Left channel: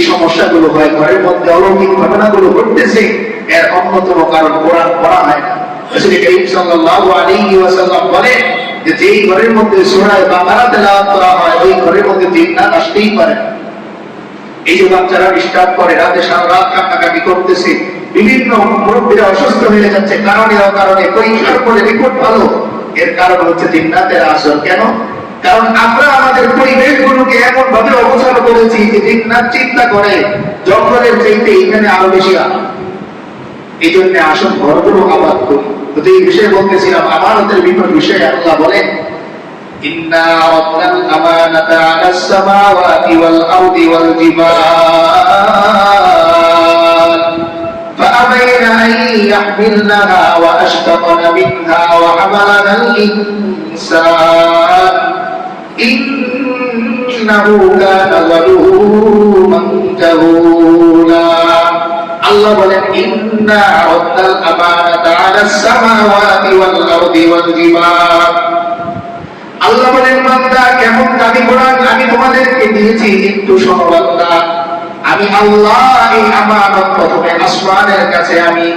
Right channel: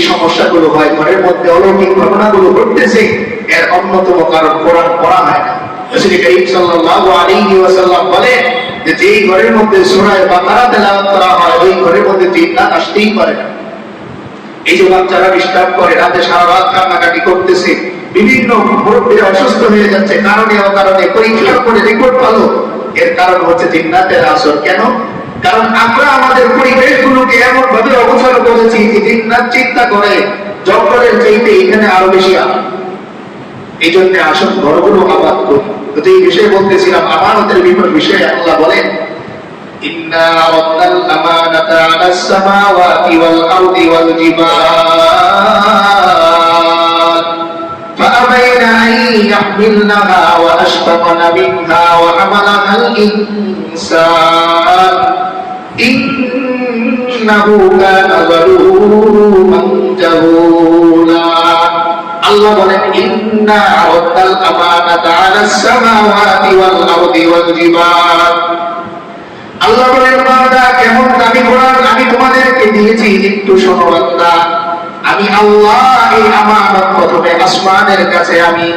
সমস্যাগুলো হয়, ঘরের মধ্যে অলৌকিক ঘটনাগুলো ঘটতেছে, এর অন্যতম কারণ কোরআন পড়া হয় বলেন যে এই করে, রাতে সারা রাত কান্নাকাটি করতেছে, বিভিন্ন ভালো। এর কারণ হচ্ছে জিন্নাতের আসর। কেন? কারণ আমরা আমাদের পরিবেশগুলোকে এমন ভাবে অবসর করেছি যে জিন্নাত চিন্তা করে জঙ্গলের চাইতে এখানে আরো বেশি আনন্দ এই জন্য আসল ঘরগুলো আবাদ করি তো এই বিষয়ে বলতেছিলাম আমানতের বিপদ বিষয়ে আল্লাহ বলেন إنا عرضنا الأمانة على السماوات والأرض والجبال فأبين أن يحملنها وأشفقن منها وحملها الإنسان আমি তোমাদেরকে দিয়েছি, একটু বান্দা। আমি আল্লাহ এই আমানত প্রথমে আসমানের কাছে আমি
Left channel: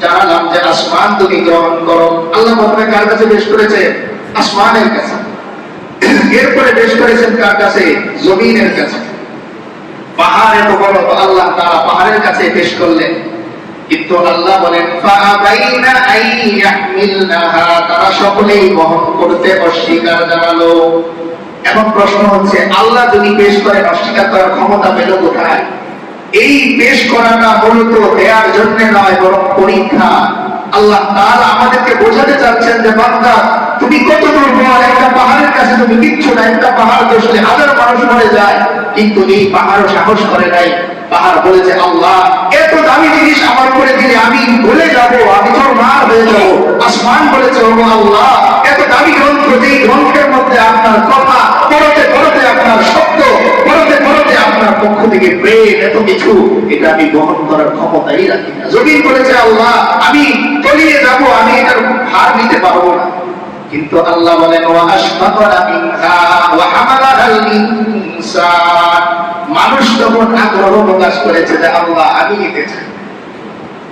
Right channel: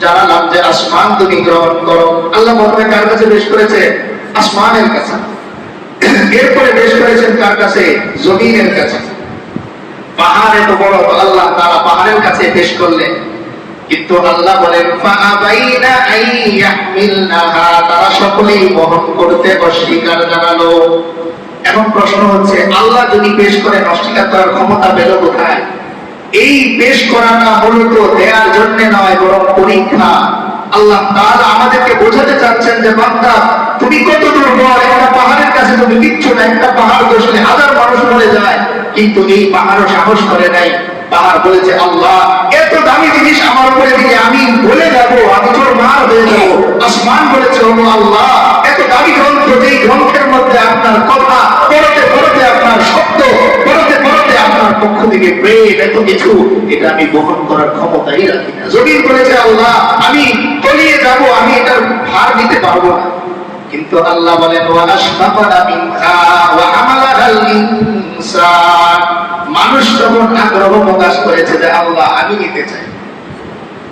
জানালাম যে, আসমান তুমি গ্রহণ করো। আল্লাহ প্রথমে কার কাছে বেশ করেছে? আসমানের কাছে। এরপরে বেশ করেছেন কার কাছে? জমিনের কাছে। পাহাড় এত বড়, তো আল্লাহ তারা পাহাড়ের কাছে পেশ করলেন। কিন্তু আল্লাহ বলেন তারা সকলেই বহন করতে অস্বীকার জানালো। এখন প্রশ্ন হচ্ছে, আল্লাহ যদি পেশ করেন, অস্বীকার করার ক্ষমতা পেল কোথায়? এই পেশ করাটা মূলত দেওয়ার জন্য নয়, বরং পরীক্ষা। আল্লাহ আমাদেরকে বোঝাতে চাচ্ছেন যে, বান্দা, তুমি কত দুর্বল একটা পাহাড়ের কাছে তুমি কিচ্ছু না, একটা পাহাড় বসলে হাজার মানুষ মরে যায়, কিন্তু এই পাহাড়ও সাহস করে নাই। পাহাড় বলেছে, আল্লাহ, এত দামি জিনিস আমার উপরে দিলে আমি বলে যাব, আমি তোর মার হয়ে যাব। আসমান বলেছে আল্লাহ কিছু, এটা আমি বহন করার ক্ষমতাই রাখি না। জমিন বলেছে, আল্লাহ, আমি তলিয়ে যাব, আমি এটার ভার নিতে পারব না। কিন্তু আল্লাহ বলেন মানুষ তখন আগ্রহ প্রকাশ করেছে যে, আল্লাহ, আমি নিতে চাই।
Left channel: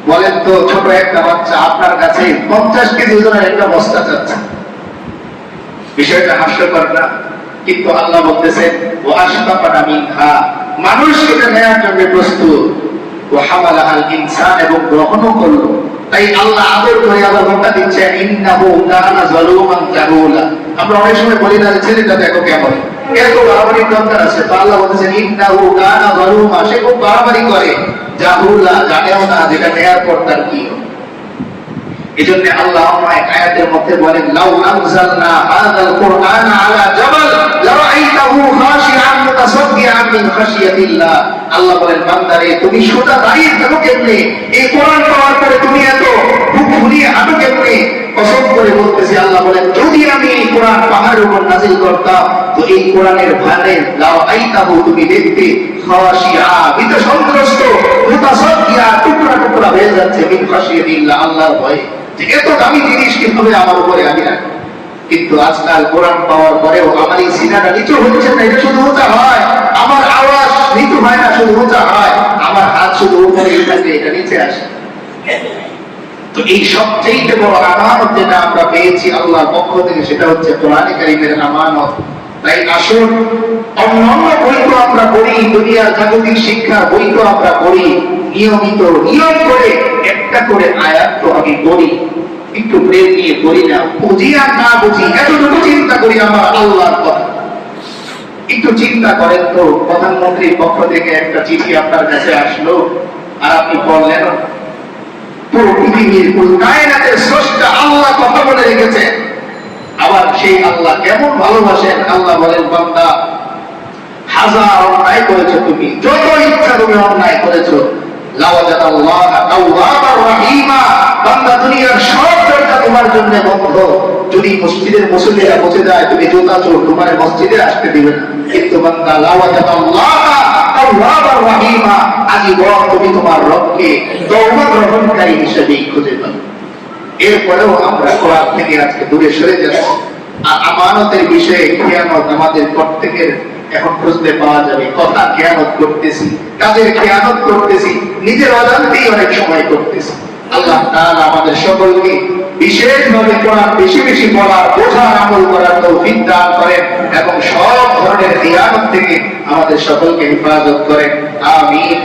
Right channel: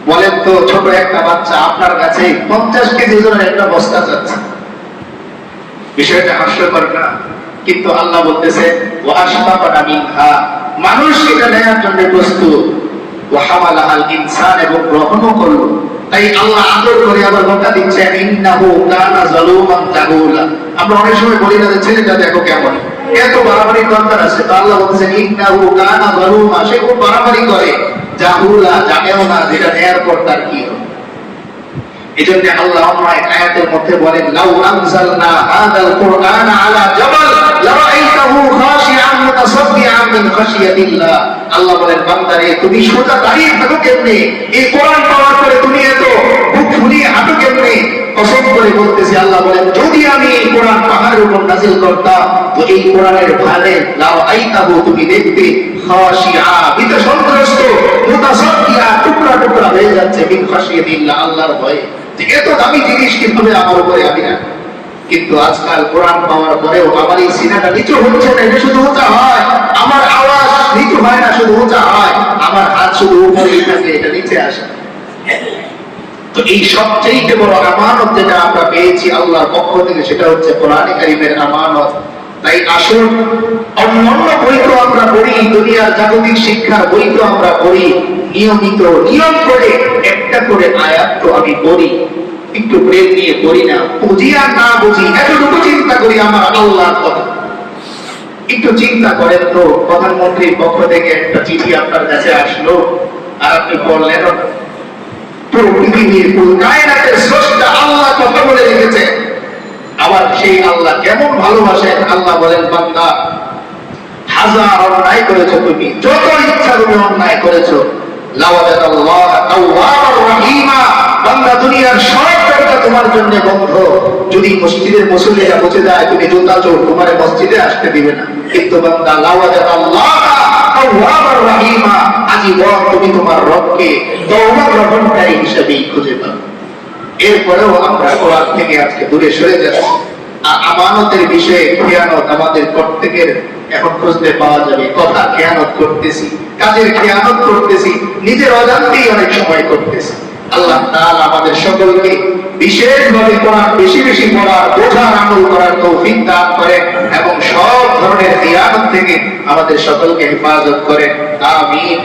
বলেন তো, ছোট একটা বাচ্চা আপনার কাছে পঞ্চাশ কেজি ওজনের একটা বস্তা চাচ্ছে। বিষয়টা হাস্যকর না? কিন্তু আল্লাহ বলতেছে ও আশফাকানা মিনহা মানুষ এটা নেয়ার জন্য প্রস্তুত। ও হামালাহাল ইনসান এবং গ্রহণও করল। তাই আল্লাহ আদর করে আবার মোটা দিচ্ছেন আমরা যেটা আলা খাশিআন মুতাসাদ্দিআন মিন খাশিয়াতিল্লাহ আল্লাহ বলেন, বান্দারে, তুমি সোজা দাঁড়িয়ে থাকো কেমনে? এই কোরআন পাওয়ার পরে তুমি এত বুক ফুলিয়ে হাঁটো কেমনে? কসম করে আল্লাহ বলেন, যদি আমি এই কোরআন পাহাড়ের উপর নাজিল করতাম, তো এই কোরআনের লারাআইতাহু তুমি ভীত সন্ত্রস্ত মুতাসাদ্দিআ টুকরা টুকরা হয়ে যাচ্ছে আল্লাহর ভয়ে। এত দামি জিনিস কীভাবে আমার উপরে আমি রাখব? কিন্তু আজকাল কোরআন পাওয়ার পরেও আমার এই সিনাটা নিচু হচ্ছে না, এটা শুধু উঁচা হয়। আমার আওয়াজ নিচু হয় না, শুধু উঁচা হয়। আমার হাত শুধু উপরেই থাকে, এটা নিচে আসে। তো এই সবচেয়ে বড় আমানত যেটা আমরা পেয়েছি আল্লাহর পক্ষ থেকে, সেটা হচ্ছে কোরআনে কারিমের আমানত। তাই আসুন, অন্যান্য বই তো আমরা পড়ি, দুনিয়ার জাগতিক শিক্ষার বই তো আমরা পড়ি। নিয়মিত নিয়ম করে একটা করে আয়াত তো আমি পড়ি। একটু প্রেম নিয়ে পড়ি না, বুঝি আর না বুঝি, এতটুকু চিন্তা করি আমার আল্লাহর কথা। একটু চিন্তা করেন তো, প্রধানমন্ত্রীর পক্ষ থেকে একটা চিঠি আপনার কাছে আসলো, আর আপনি কায়নাতের স্রষ্টা আল্লাহ বলে রেখেছে। আবার সেই আল্লাহ কেমন ভালোবাসেন, আল্লাহ বলেন, বান্দা, হাজার অন্যায় করেছ তুমি, যত ইচ্ছা তুমি অন্যায় করেছ। লাওয়াজাত আল্লাহ তাওয়াবার রহিমা। বান্দা দুনিয়ার সব দরজা তোমার জন্য বন্ধ। যদি মসজিদের মুসল্লিরা বসে যায়, তুমি জুতা চোর, তোমার মসজিদে আসতে দিবে না। কিন্তু বান্দা লাওয়াজাত আল্লাহ এরপরেও আমরা আমানতের বিষয়ে খেয়ানত আমাদের প্রত্যেকের এখন খুঁজতে পাওয়া যাবে। কথা খেয়ানত করতেছি, কাজের খেয়ানত করতেছি, নিজের অজান্তেই অনেক সময় করতেছি। আল্লাহ তাআলা আমাদের সকলকে বিশেষভাবে কোরআন বেশি বেশি পড়ার বোঝার, আমল করার তৌফিক দান করেন এবং সব ধরনের থেকে আমাদের সকলকে হেফাজত করেন। আমিন।